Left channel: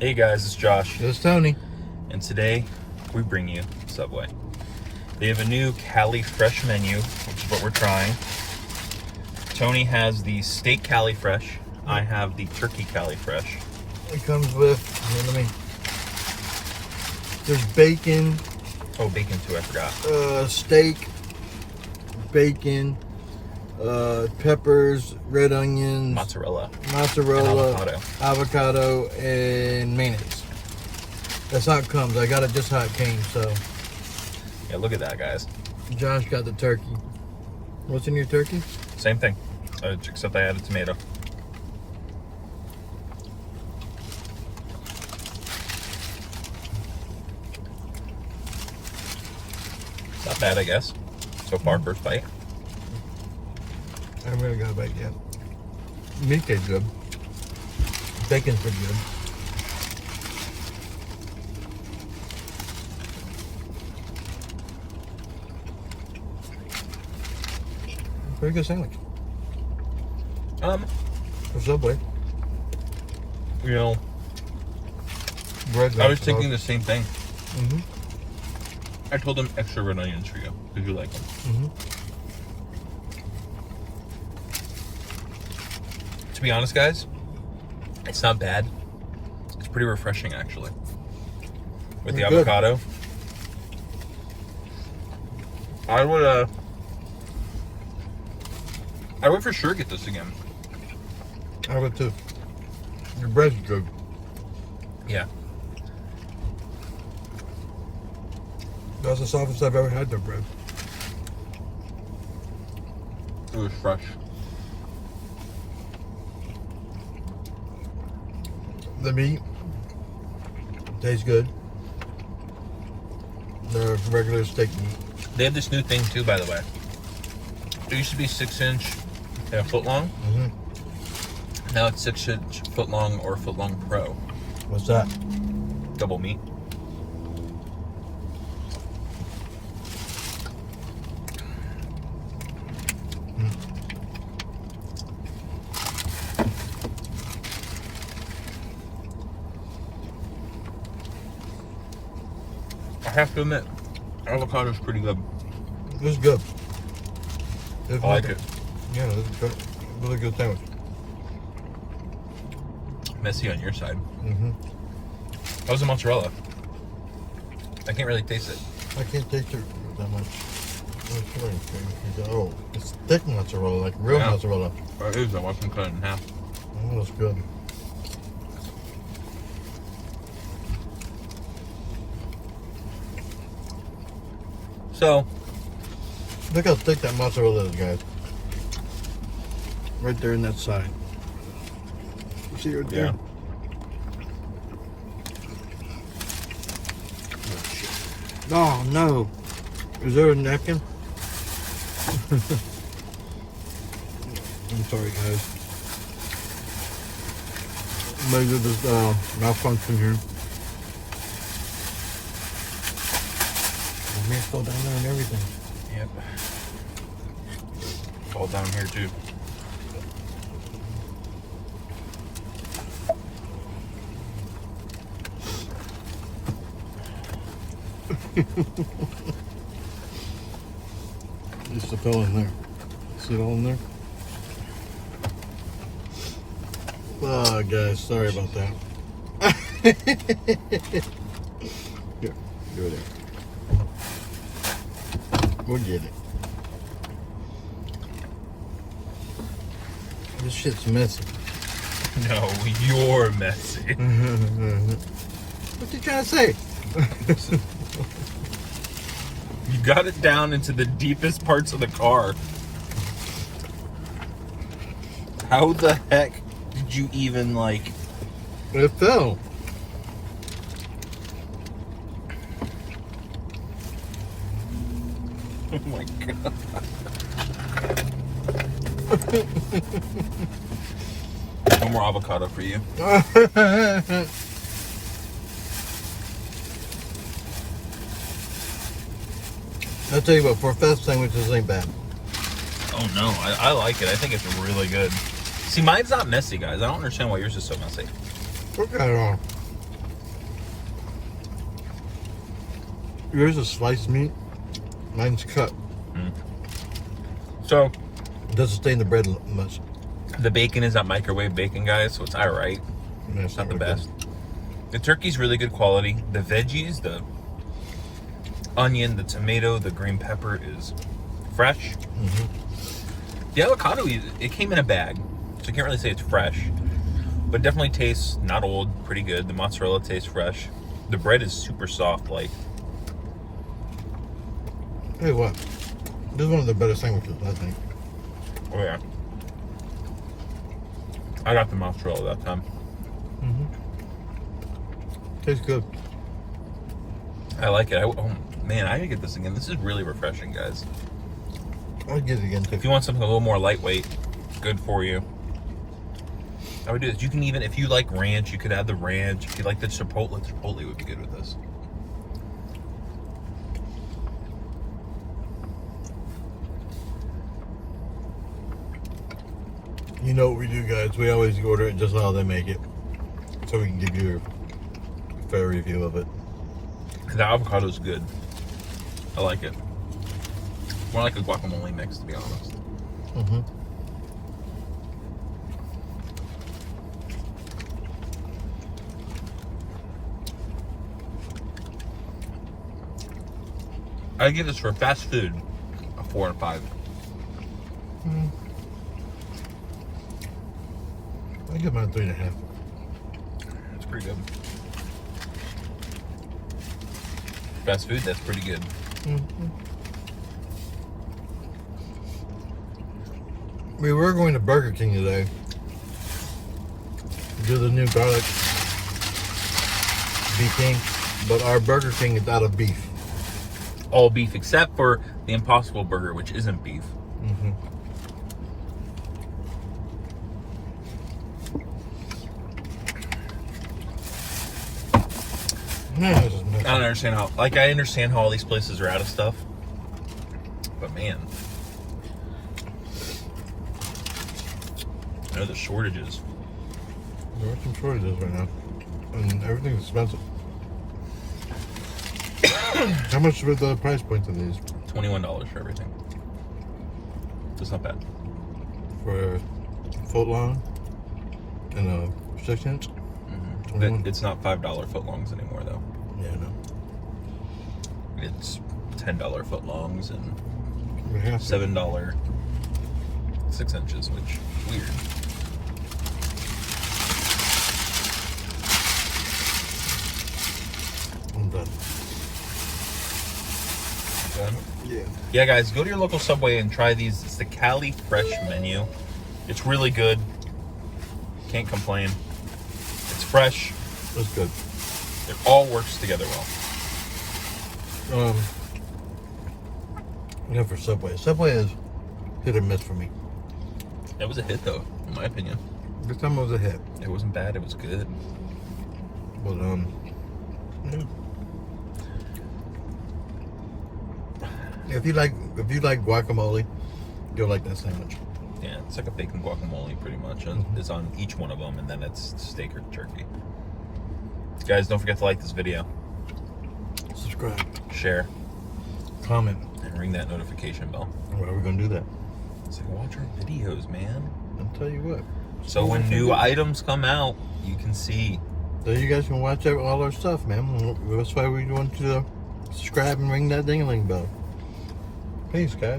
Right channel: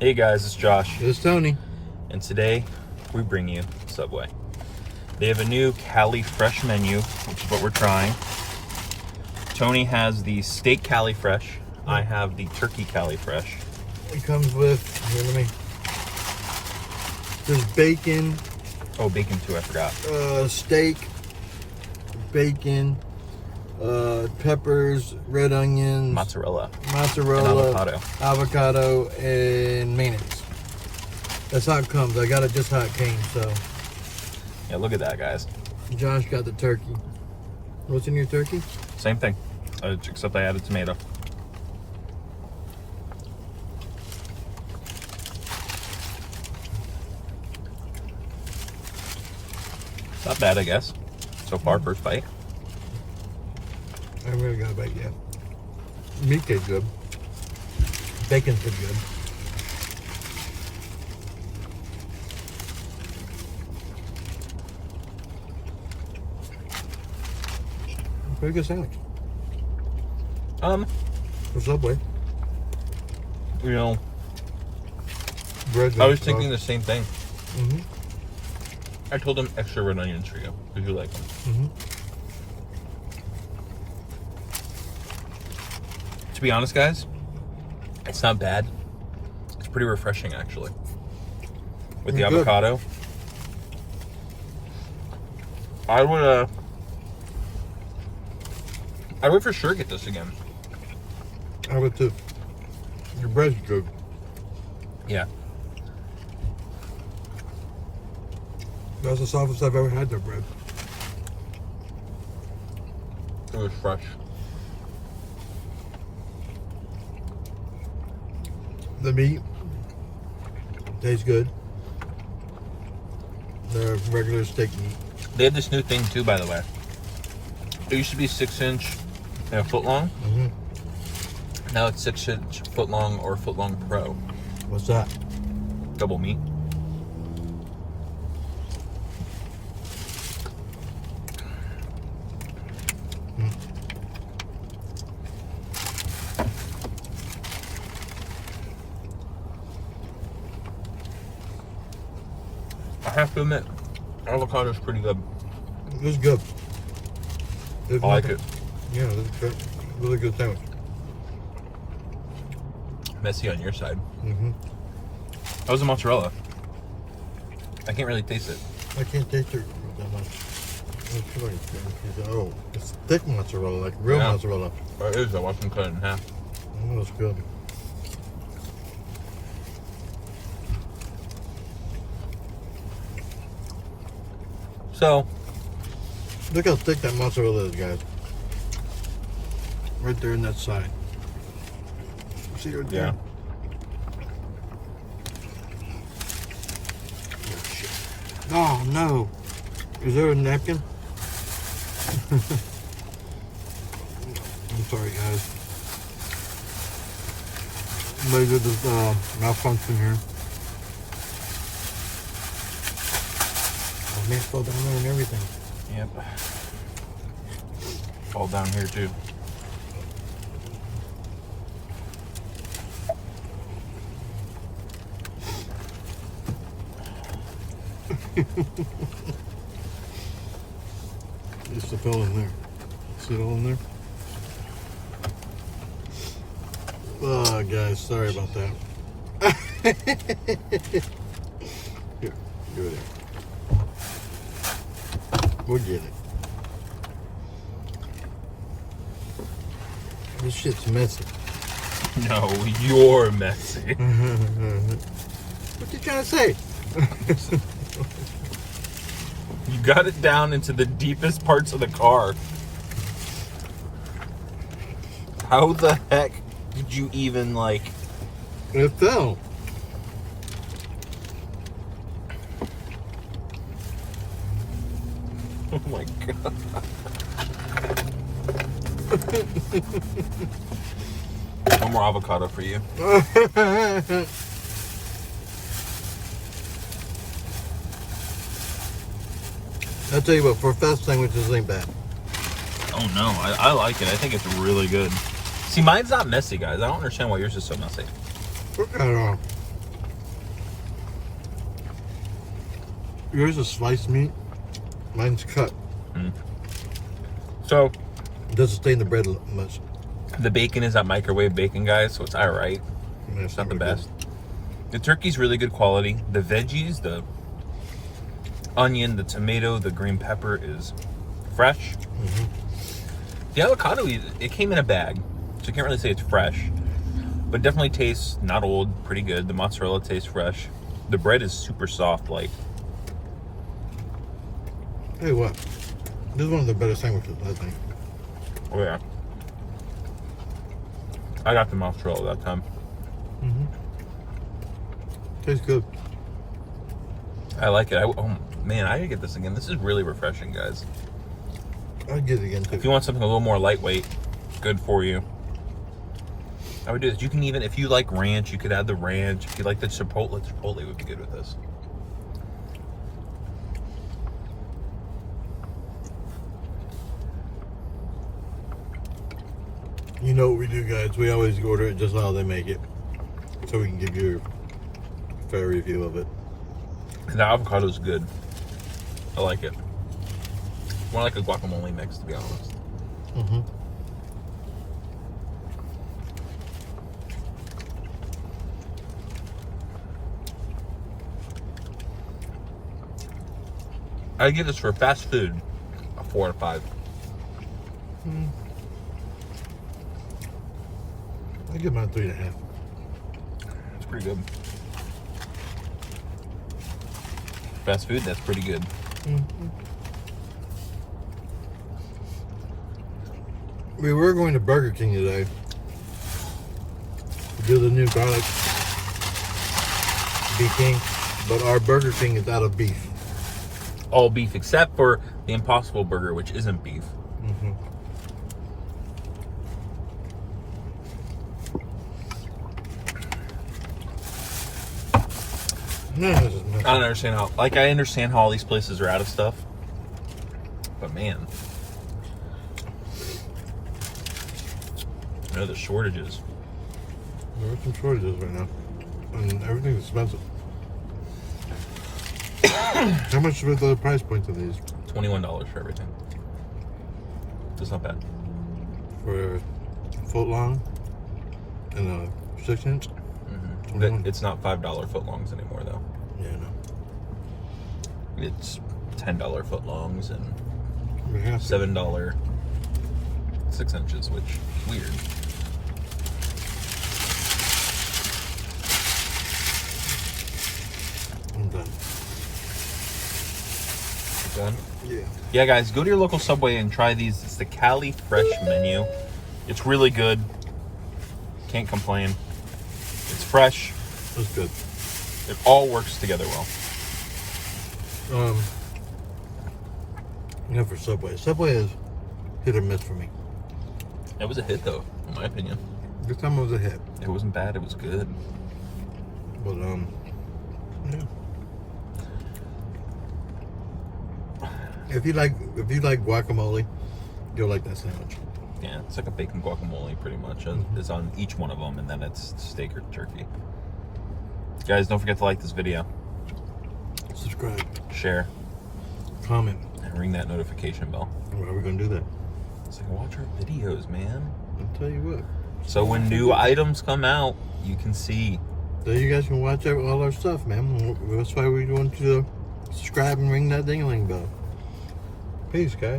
Hey guys, it's Josh. It's Tony. And today we bring you Subway. They have a new Cali Fresh menu, which is what we're trying. Tony has the steak Cali Fresh. I have the turkey Cali Fresh. It comes with, there's bacon. Oh, bacon too, I forgot. Steak, bacon, peppers, red onions, Mozzarella, and avocado, and mayonnaise. That's how it comes. I got it just how it came, so. Yeah, look at that, guys. Josh got the turkey. What's in your turkey? Same thing, except I added tomato. Not bad, I guess. So far, first bite. I haven't really got a bite yet. Meat tastes good. Bacon's pretty good. Pretty good sandwich. For Subway. You know, Bread I was thinking the same thing. Mm-hmm. I told them extra red onions for you, because you like them. Mm-hmm. To be honest, guys, it's not bad. It's pretty refreshing, actually. With the Good. avocado. I would for sure get this again. I would too. Your bread's good. Yeah. That's the softest I've ever had their bread. It was fresh. The meat tastes good. The regular steak meat. They have this new thing, too, by the way. It used to be 6-inch and a foot long. Mm-hmm. Now it's 6-inch, foot long, or foot long pro. What's that? Double meat. I have to admit, avocado's pretty good. It's good. I like it. Yeah, it's good. Really good sandwich. Messy on your side. Mm-hmm. How's the mozzarella? I can't really taste it. I can't taste it that much. Oh, it's thick mozzarella, like real mozzarella. Oh, it is. I watched them cut it in half. Oh, that's good. So, Look how thick that mozzarella is, guys. Right there in that side. You see right there? yeah. Oh, shit. Oh, no. Is there a napkin? I'm sorry, guys. Maybe there's malfunction here. The meat fell down there and everything. Yep. Fall down here too. Just fell in there. See it all in there? Oh, guys, sorry about that. Here, do it there. We'll get it. This shit's messy. No, you're messy. What you trying to say? You got it down into the deepest parts of the car. How the heck did you even, like... It fell. Oh my god. One more avocado for you. I'll tell you what, for fast sandwiches, ain't bad. Oh no, I like it. I think it's really good. See, mine's not messy, guys. I don't understand why yours is so messy. Look at it all. Yours is sliced meat. Mine's cut. So It doesn't stain the bread much. the bacon is that microwave bacon, guys, so it's all right. Man, It's not the best. The turkey's really good quality. The veggies, the onion, the tomato, the green pepper is fresh. The avocado, it came in a bag, so you can't really say it's fresh, but it definitely tastes not old, pretty good. The mozzarella tastes fresh. The bread is super soft, like. Hey, what? This is one of the better sandwiches, I think. Oh yeah. I got the mozzarella that time. Tastes good. I like it. Oh man, I gotta get this again. This is really refreshing, guys. I'll get it again too. If you want something a little more lightweight, good for you, I would do this. You can even, if you like ranch, you could add the ranch. If you like the chipotle would be good with this. You know what we do, guys? We always order it just how they make it, so we can give you a fair review of it. The avocado is good. I like it. More like a guacamole mix, to be honest. I give this for fast food a 4 out of 5. I give mine 3.5. It's pretty good. Fast food, that's pretty good. We were going to Burger King today to do the new garlic beef king, but our Burger King is out of beef. All beef except for the Impossible Burger, which isn't beef. I don't understand how, like, I understand how all these places are out of stuff, but man, there are the shortages. There are some shortages right now, and everything's expensive. How much were the price points of these? $21 for everything. That's not bad. For a foot long and a 6-inch? It's not $5 footlongs anymore, though. Yeah, no. It's $10 footlongs and We have to. $7 6 inches, which is weird. I'm done. Done? Yeah. Yeah, guys, go to your local Subway and try these. It's the Cali Fresh menu. It's really good. Can't complain. It's fresh. That's good. It all works together well. Yeah, for Subway. Subway is hit or miss for me. It was a hit, though, in my opinion. This time it was a hit. It wasn't bad. It was good. But, yeah. If you like guacamole, you'll like that sandwich. Yeah, it's like a bacon guacamole, pretty much. It's on each one of them, and then it's steak or turkey. Guys, don't forget to like this video, Subscribe, share, comment, and ring that notification bell, why are we gonna do that? so you can watch our videos, man. I'll tell you what. So when new items come out, you can see. So you guys can watch all our stuff, man. That's why we want you to subscribe and ring that ding-a-ling bell. Peace, guys.